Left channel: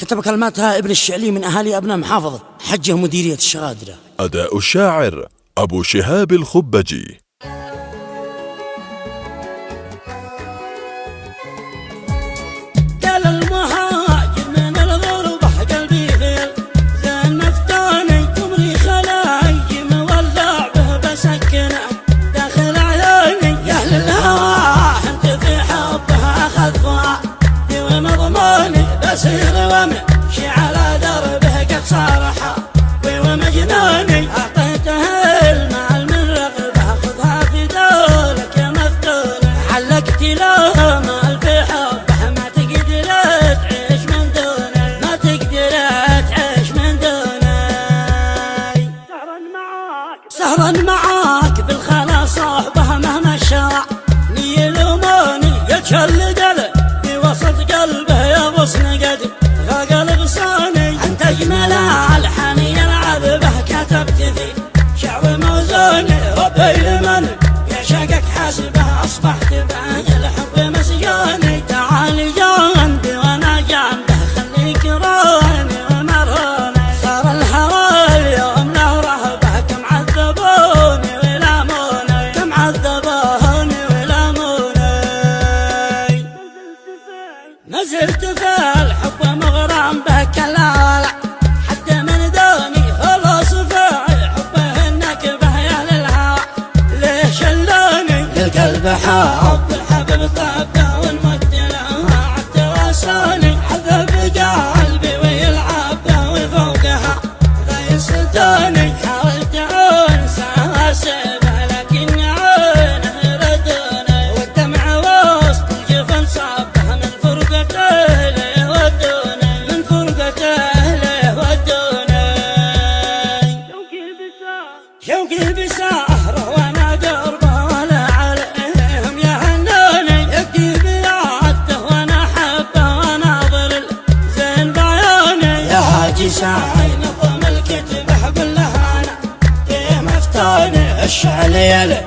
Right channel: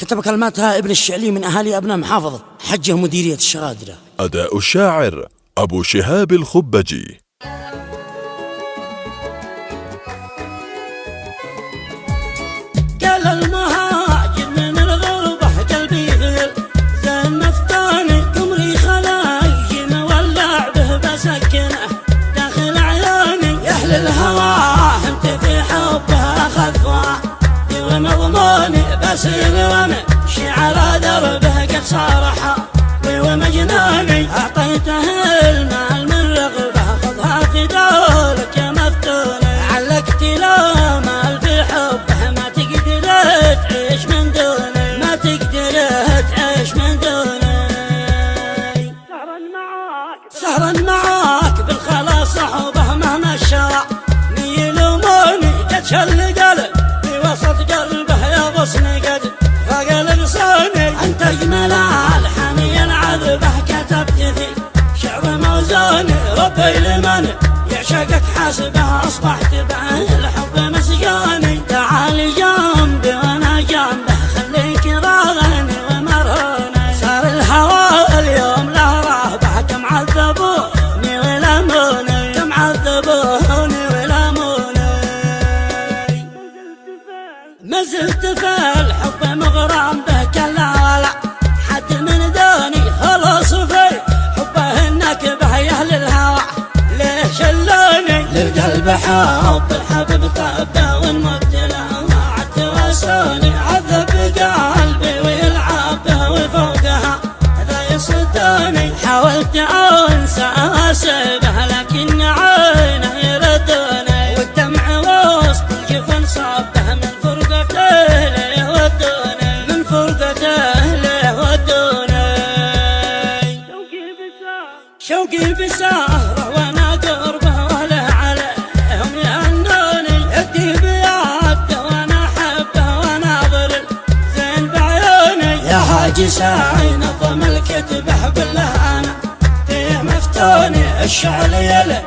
كتب كلماتها ابن الشعلي من أهالي أبناء محافظة حجه مديرية الشغادرة. أداء الشاعر أبو شهاب الخبجي. سهرت معاك بالخلاص صوبه مهما شاع يلوموني يتشلد في وسط قلبه يغص نقد فقلب صوني انت اجمل الحان يلعب به كتبت ذي شعر موزوني ربي لمن يعشقك حسبه اصبحت به الحب مسجوني تعال جنبي وانا جنبه خليك راني ومرهوني صار الهوى اليوم له رهبه كم عذبوني ولموني كم عذبوني ولموني ما زلت في الحب مغرم به كلا حد من دوني خلص في حبه النكبه يا اهل الهوى ليه شلوني للقلب حب الحبيب طبه ونمد له عتوسوني عذب قلبي ويلعب به وفوقها لا يصدوني حاولت انسى اسيبه لكن عينه يردوني والدمع وسط الجفن صبه من فرقته ليه ودوني من فرقته ليه ودوني شوقي بسهره وانا قربه ولا عليهم يهنوني يبكي بيده وانا احبه وناظر زين بعيوني يا حاجي ساعي نظم الكتب احب اللهانه فيه مفتوني الشعر يلي